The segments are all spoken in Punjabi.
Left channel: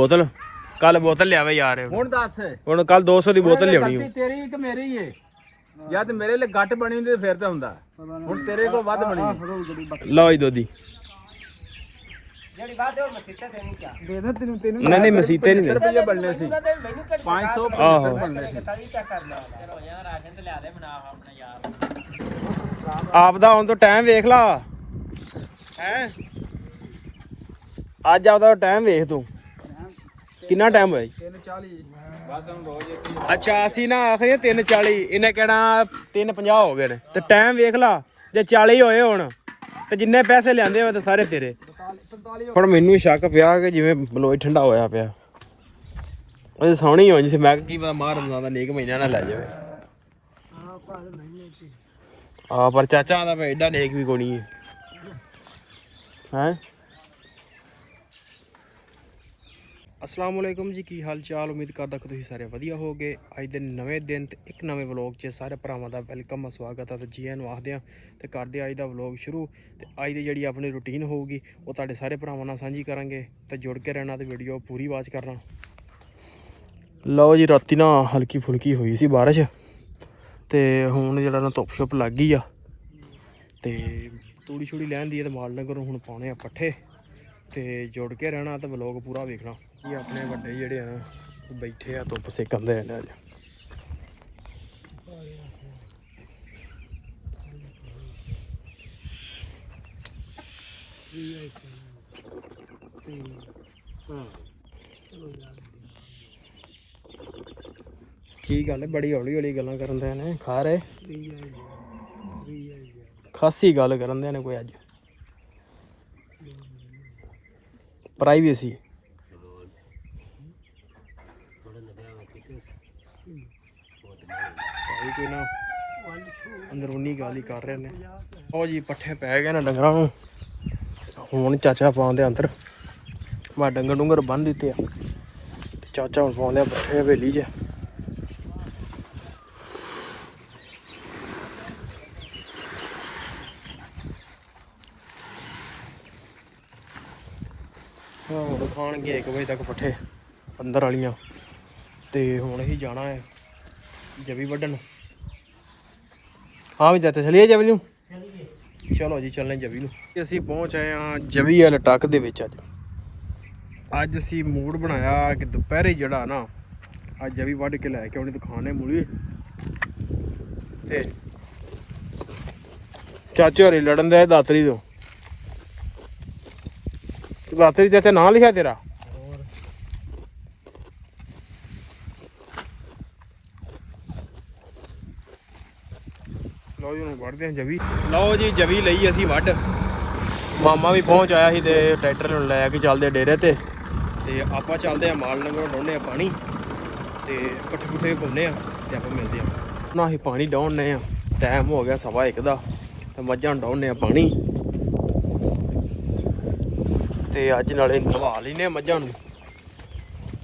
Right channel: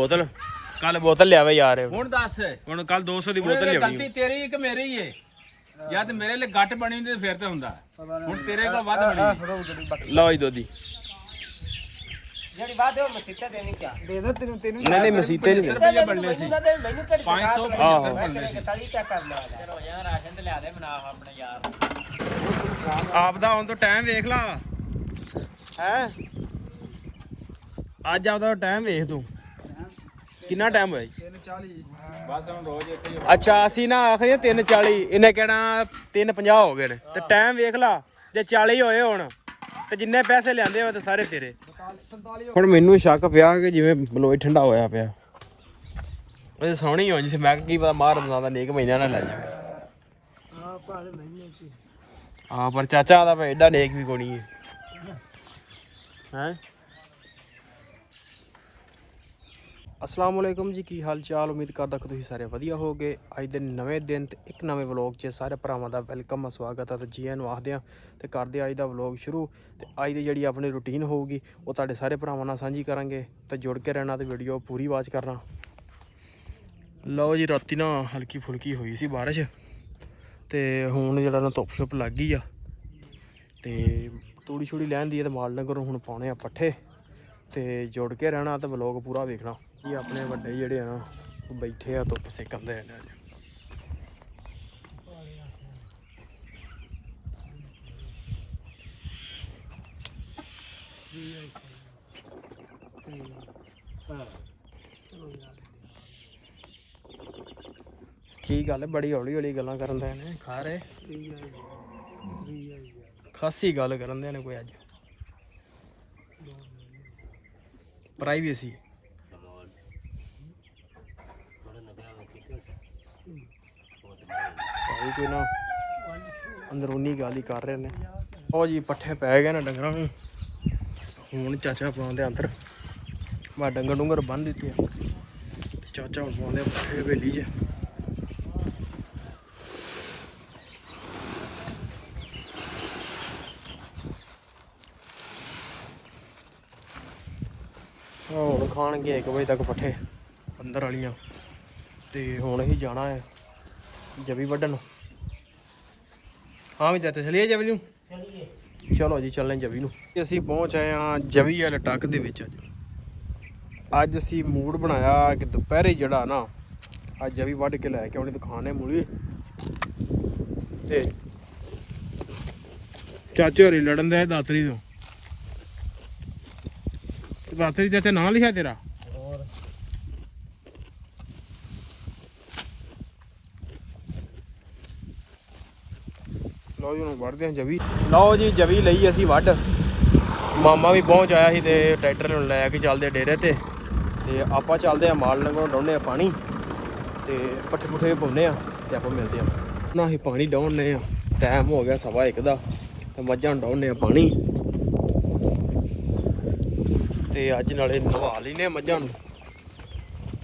ਬੋਤਲ ਕੱਲ ਬੋਤਲ ਲਿਆਵੇ ਯਾਰ ਹੁਣ ਦੱਸ ਹੁਣ ਕੱਲ 200 ਦੀ ਬੋਤਲ ਲਿਆਉਣੀ ਗਲਤੀ ਤੇਰੀ ਕਿ ਮੇਰੀ ਏ ਜਾਂ ਤੇ ਮੇਰੇ ਲਈ ਘੱਟ ਬਣੀ ਹੁੰਦੀ ਤੇ ਫਿਰ ਤਾਂ ਹੁੰਦਾ ਹੁਣ ਤੇਰੇ ਕੋਲ ਵੱਧ ਬਣੀ ਏ। ਲਓ ਜੀ ਦੋਦੀ ਜਿਹੜੀ ਬਾਤ ਹੈ ਉਹ ਮਸੀਤਾ ਦੇਣੀ ਕਿਆ ਦੇ ਦੇ ਤੈਨੂੰ ਨਾ ਨਹੀਂ ਮਸੀਤੇ ਨਹੀਂ 70 ਰੁਪਏ ਬਣਨੇ ਸੀ 575 ਬਣਨੇ ਸੀ ਰਾਸ਼ਨ ਤੇ ਲਿਆ ਦੇ ਬਣਾ ਆਪਣੇ ਯਾਰ ਆਪ ਦਾ ਹੁਣ ਤੋਂ ਟਾਈਮ ਵੇਖ ਲਾ ਹੈ ਅੱਜ ਆਪਦਾ ਟਾਈਮ ਵੇਖ ਤੂੰ ਕਿੰਨਾ ਟਾਈਮ ਹੋਇਆ 340 ਬਸ ਹੁਣ ਰੋਜ਼ ਅੱਛਾ ਅਸੀਂ ਨਾ ਆਖਿਆ 3:40 ਇਹਨੇ ਕਹਿਣਾ 3:50 ਹੋ ਗਏ ਨੇ ਤੇ ਟਾਈਮ ਵੇਖ ਲਾ ਜੇ 40 ਹੋਏ ਹੁਣ ਤੇ ਜਿੰਨੇ ਪੈਸੇ ਲਿਆਂਦੇ ਹੋਏ ਤੇ ਸਾਰੇ ਤੇਰੇ 45 ਹੁਣ ਮੈਨੂੰ ਸ਼ੱਕ ਪਿਆ ਕਿ ਜਿਵੇਂ ਬਲੋਈ ਠੰਡਾ ਹੋਇਆ ਪਿਆ ਉਹ ਸੋਹਣੀ ਹੋਣੀ ਸੀ ਮੈਂ ਕੀ ਪਤਾ ਮਾਰ ਦਾ ਨੇਕ ਮਹੀਨਾ ਨਾ ਲੈ ਜਾਵੇ ਹਾਂ ਭਾਵੇਂ ਮਹੀਨੇ ਚ ਹਾਂ ਪਰ ਚਾਚਾ ਆਂਦਾ ਪਿਆ ਐਡਾ ਨੇਕ ਵੀ ਕੋਣੀ ਹੈ अस्सलाम वालेकुम जी की हाल चाल उम्मीद करदा कि तुसीं सारे वधिया होगे अज दे नवें दिन ते एक नवें व्लॉग च सारे भरावां दा वेलकम स्वागत है ते जी आनूं आखदे आं ते करदे अज दा व्लॉग शुरू ते अज दी जिहड़ी अपनी रूटीन होगी वो तुहाडे सारे भरावां नाल सांझी करांगे ते जुड़ के रहना ते वीडियो पूरी वाच करना। लो जी राती ना हल्की फुल्की हुई सी बारिश ते हुण जिहड़ा ना धुप्प छुप लग गई आ ते तूड़ी छूड़ी लैन दी ते माल डंगर हुण पाउणे आ पट्ठे ते जुड़ के रहना ते व्लॉग पूरा वेखना। ये अपने बड़े जेड़े हैं ना बैठे आ धुप्प सेकन दे ने अज की गल बड़ी हौली हौली गल्लां करन दे ने खा रहे खासी गल करन दे ने कोई अज प्राइवेसी भाई कोई ना अंदरूनी गल ही कर रहे ने ओ जी पट्ठे पै गए ना डंगरां नूं हुण चाचा पाउंदे अंदर मैं डंगर डुंगर बन दित्ते चाचा हुण पाउंदे पट्ठे हवेली च ਹੁਣ ਖਾਣਗੇ 1 ਵਜੇ तक पट्ठे अंदर वालियां ते हुण ही जाना है जवी वड्डन। हाँ भी चाचा चलिए जवी नूं चलो जी चलने जवी नूं असीं पहुँच आए हाँ जवी वाले टक दे विच अज असीं मूड बनाया कि दुपहरे जिहड़ा ना अज जवी वड्ड के लैके आउणी दिखाने मूली ते चाचे होरी लड़न दे दातरी तो दातरी चाचा नाम लिखा तेरा लो जी वढ़ते हैं जवी लो जी जवी लई असी वढ़ मामा भी पहुँच आया ही ते ट्रैक्टर लैके चलते डेरे ते आप चलते हैं माल डंगर डाउने पानी ते पट्ठे पुट्ठे पाने ते आप मिलते हैं ना अं पानी डाउने टाइम हो गया 1:15 का ते मझां डाउने पानी ते अज नाले नवा लेने मझां नूं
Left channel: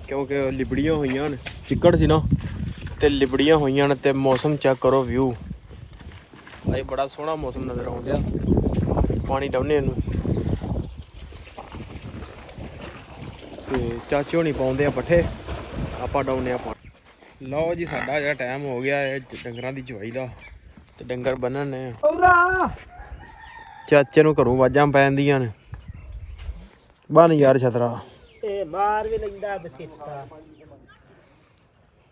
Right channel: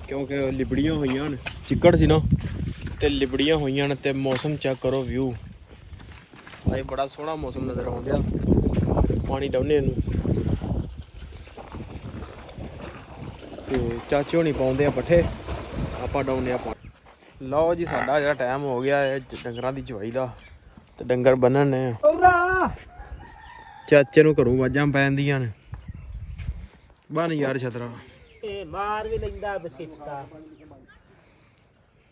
क्योंकि लिबड़ियां होईयां न चिक्कड़ सी ना ते लिबड़ियां होईयां न ते मौसम चेक करो व्यू अज बड़ा सोहना मौसम नज़र आउंदा पानी डाउने ते चाचे होनी पाउंदे पट्ठे आपां डाउने पानी। लो जी साडा जेह्ड़ा टाइम हो गया है डंगरां दी चवाई दा ते डंगर बन्नण ने चाचे नूं घरों आवाज़ां पैंदियां ने बन यार छतरा मार भी लैंदा बसीता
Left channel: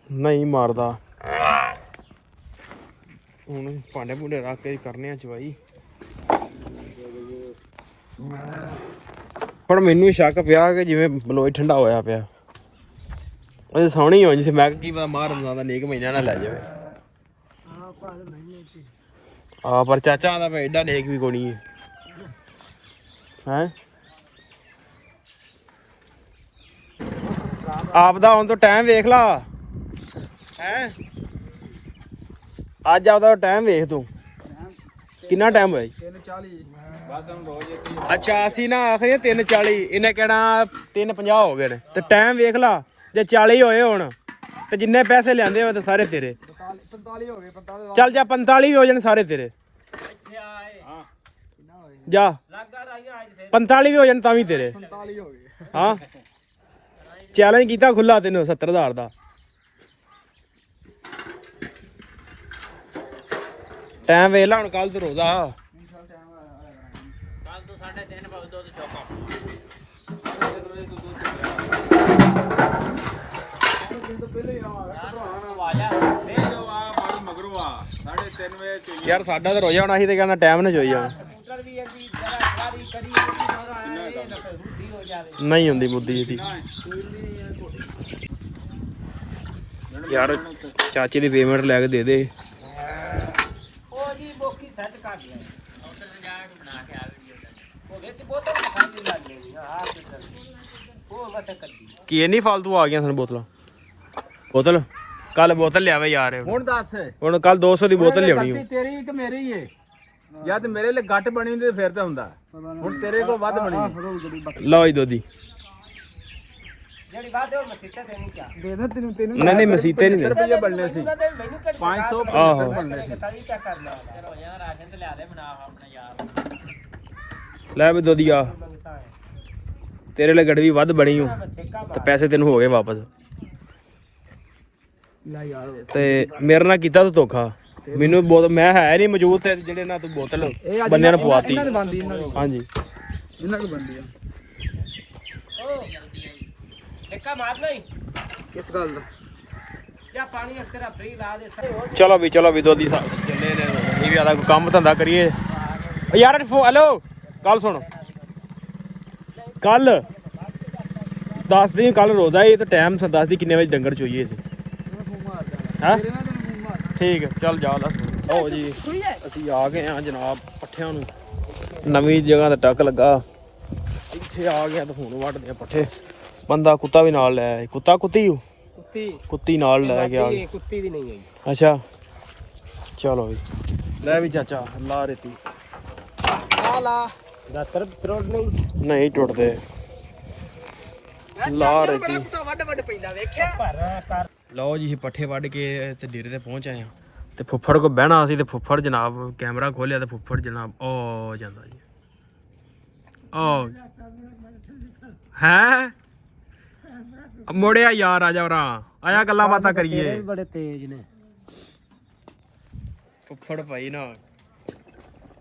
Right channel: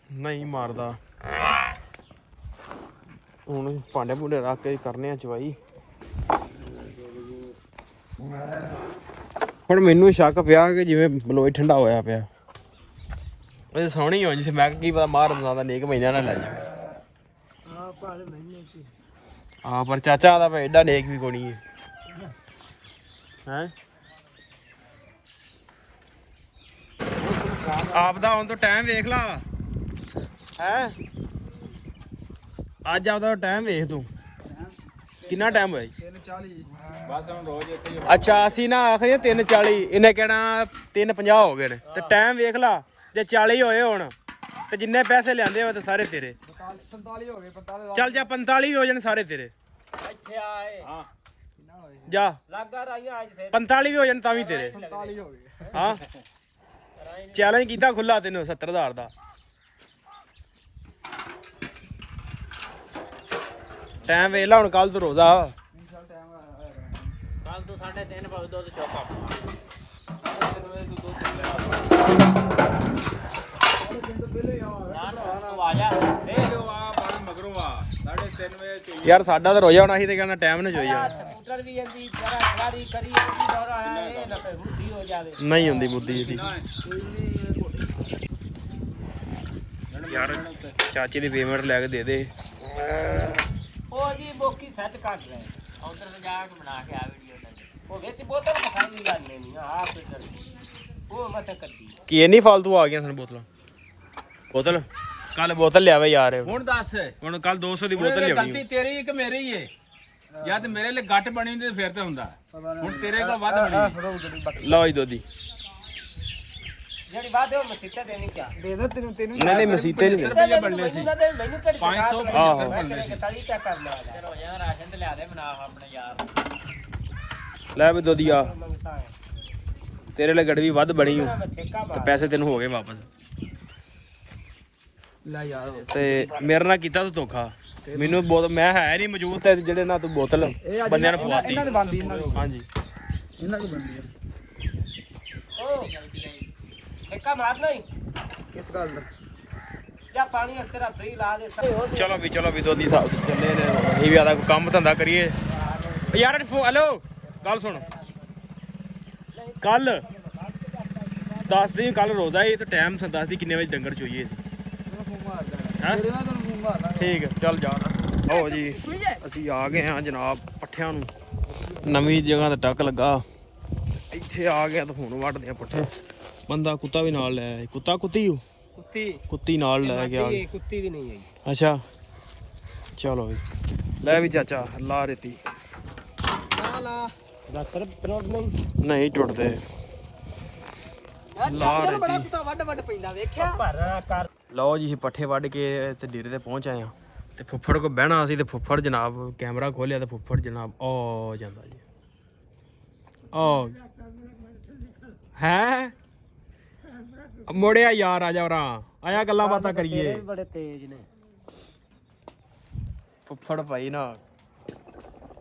नहीं मारदा ਹੁਣ ਭਾਂਡੇ ਭੂੰਡੇ ਰੱਖ ਕੇ ਕਰਨੇ ਆ ਚਵਾਈ। ਪਰ ਮੈਨੂੰ ਸ਼ੱਕ ਪਿਆ ਕਿ ਜਿਵੇਂ ਬਲੋਈ ਠੰਡਾ ਹੋਇਆ ਪਿਆ ਉਹ ਸੋਹਣੀ ਹੋਣੀ ਸੀ ਮੈਂ ਕੀ ਪਤਾ ਮਾਰ ਦਾ ਨੇਕ ਮਹੀਨਾ ਨਾ ਲੈ ਜਾਵੇ ਹਾਂ ਭਾਵੇਂ ਮਹੀਨੇ ਚ ਹਾਂ ਪਰ ਚਾਚਾ ਆਂਦਾ ਪਿਆ ਐਡਾ ਨੇਕ ਵੀ ਕੋਣੀ ਹੈ ਆਪ ਦਾ ਹੁਣ ਤੋਂ ਟਾਈਮ ਵੇਖ ਲਾ ਹੈ ਅੱਜ ਆਪਦਾ ਟਾਈਮ ਵੇਖ ਤੂੰ ਕਿੰਨਾ ਟਾਈਮ ਹੋਇਆ 340 ਬਸ ਹੁਣ ਰੋਜ਼ ਅੱਛਾ ਅਸੀਂ ਨਾ ਆਖਿਆ 3:40 ਇਹਨੇ ਕਹਿਣਾ 3:50 ਹੋ ਗਏ ਨੇ ਤੇ ਟਾਈਮ ਵੇਖ ਲਾ ਜੇ 40 ਹੋਏ ਹੁਣ ਤੇ ਜਿੰਨੇ ਪੈਸੇ ਲਿਆਂਦੇ ਹੋਏ ਤੇ ਸਾਰੇ ਤੇਰੇ 45 ਹੋ ਗਏ 45 ਚੱਲ ਜਾ 45 ਵੀ ਹੋ ਜਾਣ ਸਾਰੇ ਤੇਰੇ ਇੱਥੇ ਆਏ ਹਾਂ ਕਿੰਨਾ ਹੋਏ ਜਾ ਲੱਗਾ ਰਾਈ ਅੱਜ 45 ਵੀ ਹੋ ਜਾਣ ਤਾਂ ਵੀ ਤੇਰੇ 47 ਹੋ ਗਏ ਹਾਂ ਚੈਲੰਜ ਕੀਤਾ ਖੁੱਲਾ ਤੈਨੂੰ 70000 ਦਾ। ਟਾਈਮ ਵੇਖ ਲਾ ਹੁਣ, ਕੱਲ ਤੋਂ ਰੋਜ਼ਾ। ਕੱਲ ਤੋਂ 3:30 ਵਜੇ ਦੁੱਧ ਚੋਕਾ ਯਾਰ ਸਾਡਾ ਤਾਂ ਰੋਜ਼ਾ ਹੋਣਾ ਸੀ ਤੇ ਕਹਿੰਦਾ ਟਾਈਮ ਨਾ ਚੋਈ ਜਾਣਾ। ਨਹੀਂ ਹੁੰਦੀ ਬੁੱਧੀ ਇਹਦੀ ਯਾਰ। ਚਾਚੇ ਦੀ ਪੇਮੈਂਟ ਲੈ ਕੇ ਦੇ ਦੇ। ਉਹਦੀ ਬੋਕੀ ਸੈੱਟ ਕਰ ਲੈ ਉਧਰ ਤੇ ਜਾ ਕੇ ਬਣਾ ਕੇ ਆ ਵੀਡੀਓ ਦਾ ਉਹ ਵਿੱਚ ਬੋਤਲ ਖਾਲੀ ਲੱਗ ਗਈ ਨਾ ਆ ਉਹ ਬਸ ਕੱਢੀ ਕੀ ਇੰਨੀ ਫਾਲਤੂ ਆ ਗਈਆਂ ਸਾਨੂੰ ਬੋਤਲਾਂ? ਬੋਤਲ ਕੱਲ ਬੋਤਲ ਲਿਆਵੇ ਯਾਰ। ਹੁਣ ਦੱਸ, ਹੁਣ ਕੱਲ 200 ਦੀ ਬੋਤਲ ਲਿਆਉਣੀ। ਗਲਤੀ ਤੇਰੀ ਕਿ ਮੇਰੀ ਏ? ਜਾਂ ਤੇ ਮੇਰੇ ਲਈ ਗੱਟ ਬਣੀ ਹੁੰਦੀ ਤੇ ਫਿਰ ਤੇ ਹੁੰਦਾ। ਹੁਣ ਤੇਰੇ ਕੋਲ ਵੱਧ ਬਣੀ ਏ। ਲਓ ਜੀ ਦੋਦੀ ਜਿਹੜੀ ਬਾਤ ਹੈ ਉਹ ਮਸੀਤਾ ਦੇਣੀ ਕਿਆ ਦੇ ਦੇ ਤੈਨੂੰ ਤੈਨੂੰ ਨਹੀਂ ਮਸੀਤੇ 75 ਰੁਪਏ ਬਣਨੇ ਸੀ, 575 ਬਣਨੇ ਸੀ। ਸਾਲੀ ਚੈੱਕ ਕਰ ਲੈ ਰੋਜ਼ਾਨਾ ਦਾ ਰਾਸ਼ਨ ਤੇ ਲਿਆ ਦੇ ਬਣਾ ਆਪਣੇ ਯਾਰ ਲੈ ਵੀ ਦੋਦੀ ਆ ਤੇਰੇ ਲਈ ਗੜਵੀ ਵੱਧ ਬਣੀ ਹੋ ਤੇ ਪੈਸੇ ਤੈਨੂੰ ਹੋ ਗਏ ਵਾਪਸ। ਲੈ ਯਾਰ ਤੇ ਮੇਰੇ ਨਾਲ ਕੀਤਾ ਤੂੰ ਧੋਖਾ। ਮੈਨੂੰ ਮੈਂ ਹੈ ਨਹੀਂ ਮੌਜੂਦ ਤੇ ਜਿਹੜੇ ਨਾਲ ਤੂੰ ਬੋਤਲ ਬੰਦਿਆਂ ਨੂੰ ਪਵਾਤੀ। ਇਹਨਾਂ ਦੀ ਬੰਦੀ ਇਹਨਾਂ ਦੀ ਹਾਂਜੀ ਇਹਨਾਂ ਕੋਲ ਬੰਦੀ ਆ ਠੇਕਾ ਮਾਰ ਨਹੀਂ ਇਸ ਗੱਲ ਦਾ। ਜਾਂ ਪਾਣੀ ਤੇਰਾ ਫ੍ਰੀ ਲਾ ਦੇ ਚਲੋ ਵੀ ਦੋਦੀ ਸਾਹਿਬ ਚੱਲੇ ਨੇ। ਇਹ ਵੀ ਆਦਾ ਕੋਈ ਕੰਮ ਧੰਦਾ ਕਰੀਏ। ਓ ਯਾਰ ਹੈਲੋ ਗੱਲ ਸੁਣ, ਕੱਲ ਦੱਸ ਦੀ ਕੱਲ ਰੋਜ਼ਾ ਏ ਤੇ ਟਾਈਮ ਦੱਸ ਦੀ ਕਿੰਨੇ ਵਜੇ ਡੰਗਰ ਚੋਈਏ ਸੀ। ਫੋਨ ਮਾਰਦਾ ਹੈਂ ਤੇਰੇ ਨਾਲ ਤੈਨੂੰ ਫੋਨ ਮਾਰਦਾ। ਠੀਕ ਹੈ ਚੱਲ ਜਾ ਦੱਸ। ਓ ਜੀ ਅਸੀਂ ਆ ਗਏ ਹਾਂ ਜਨਾਬ ਪੱਠਿਆਂ ਨੂੰ। ਨਵੀਂ ਜਗ੍ਹਾ ਤੇ ਟੱਕ ਲੱਗਾ, ਇੱਥੇ ਆ ਗਿਆ ਤਾਂ ਹੁਣ ਵੱਢਦੇ ਆ ਪੱਠੇ। ਬੰਦਾ ਕੁੱਤਾ ਵੀ ਨਾਲ ਲੈ ਆਇਆ। ਕੁੱਤੀ ਕੁੱਤੀ ਨਾਲ ਲੈ ਗਿਆ। ਕੁੱਤੀ ਵੀ ਨਹੀਂ ਹੈ ਅੱਛਾ ਚਲੋ ਵੀ ਲੈ ਵੀ ਚਾਚਾ ਲਾ ਰੇਤੀ। ਆ ਲਾ ਦਾਤਰ ਤਰੋੜ ਲਈ ਨਹੀਂ ਟੁੱਟਦੇ। ਲਾ ਰੇਤੀ। ਕੁੱਤਾ ਵੱਡ ਵੱਡ ਪੈਂਦਾ ਵੇਖਿਆ। ਭਰਾ ਕਰ ਲਓ ਜੀ ਪੱਠੇ ਵੱਢ ਕੇ ਤੇ ਡੇਰੇ ਤੇ ਪਹੁੰਚ ਆਏ ਆ ਤੇ ਫੁੱਫੜ ਕੋ ਬਹਿਣਾ ਸੀ ਤੇ ਫੁੱਫੜ ਜਨਾਬ ਕੈਮਰਾ ਖੋਲਿਆ ਤੇ ਫੁੱਫੜ ਜਨਾਬ ਓ ਜਾਂਦਾ ਜੀ। ਓ ਹੈ ਮੁੜਿਆ ਯਾਰ ਆ ਜਾ ਉਰਾਂ ਆਇਆ ਗੱਲਾਂ ਬਾਤਾਂ ਕਰੀਏ। ਬੜੇ ਤੇਜ਼ ਨੇ ਫੁੱਫੜ ਭਾਈ ਨਾ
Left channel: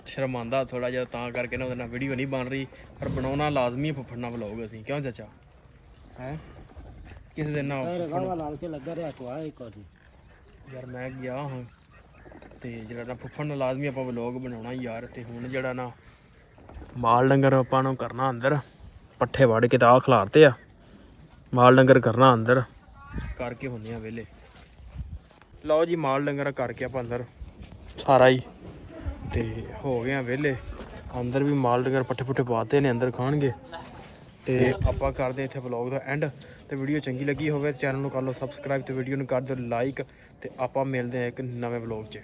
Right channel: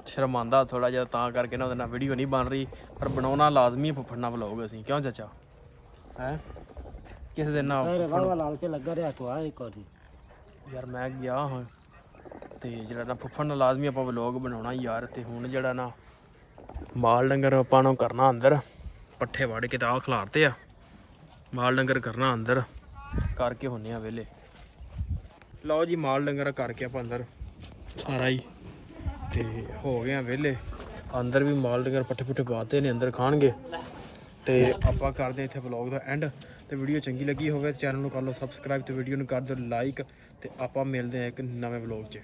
ਸ਼ਰਮਾਂਦਾ ਥੋੜਾ ਜਿਹਾ ਤਾਂ ਕਰਕੇ ਨਾ ਉਹਦੇ ਨਾਲ ਵੀਡੀਓ ਨਹੀਂ ਬਣ ਰਹੀ, ਪਰ ਬਣਾਉਣਾ ਲਾਜ਼ਮੀ ਹੈ ਫੁੱਫੜ ਨਾਲ ਵਲੋਗ ਅਸੀਂ। ਕਿਉਂ ਚਾਚਾ ਹੈ ਕਿਸੇ ਦਿਨ ਨਾ ਫੁੱਫੜ ਲਾਲ ਤੇ ਲੱਗਾ ਰਿਹਾ ਤੂੰ ਆ ਇੱਕ ਵਾਰੀ ਯਾਰ ਮੈਂ ਗਿਆ ਹਾਂ ਤੇ ਜਿਹੜਾ ਨਾ ਫੁੱਫੜ ਨਾਲ ਲਾਜ਼ਮੀ ਆਪਾਂ ਵਲੋਗ ਬਣਾਉਣਾ ਯਾਰ। ਤੇ ਹੁਣ ਜਿਹੜਾ ਨਾ ਮਾਲ ਡੰਗਰ ਆਪਾਂ ਨੂੰ ਕਰਨਾ ਅੰਦਰ, ਪੱਠੇ ਵੱਢ ਕੇ ਤਾਂ ਆਹ ਖਿਲਾਰਤੇ ਆ। ਮਾਲ ਡੰਗਰ ਕਰਨਾ ਅੰਦਰ ਕਰਕੇ ਹੁੰਨੇ ਆ ਵਿਹਲੇ। ਲਓ ਜੀ ਮਾਲ ਡੰਗਰ ਕਰਕੇ ਆਪਾਂ ਅੰਦਰ ਸਾਰਾ ਹੀ ਤੇ ਹੋ ਗਏ ਆ ਵਿਹਲੇ। ਅੰਦਰ ਵੀ ਮਾਲ ਡੰਗਰ ਪੱਠੇ ਪੁੱਠੇ ਪਾਤੇ ਨੇ, ਅੰਦਰ ਖਾਣਗੇ। ਤੇ ਆਪਾਂ ਕਰਦੇ ਇੱਥੇ ਵਲੌਗ ਦਾ ਐਂਡ। ਤੇ ਵੀਡੀਓ ਚੰਗੀ ਲੱਗੀ ਹੋਵੇ ਚੈਨਲ ਨੂੰ ਕਰ ਲਓ ਸਬਸਕ੍ਰਾਈਬ ਤੇ ਵੀਡੀਓ ਨੂੰ ਕਰ ਦਿਓ ਲਾਈਕ। ਤੇ ਆਪਾਂ ਮਿਲਦੇ ਆ ਇੱਕ ਨਵੇਂ ਵਲੌਗ 'ਚ।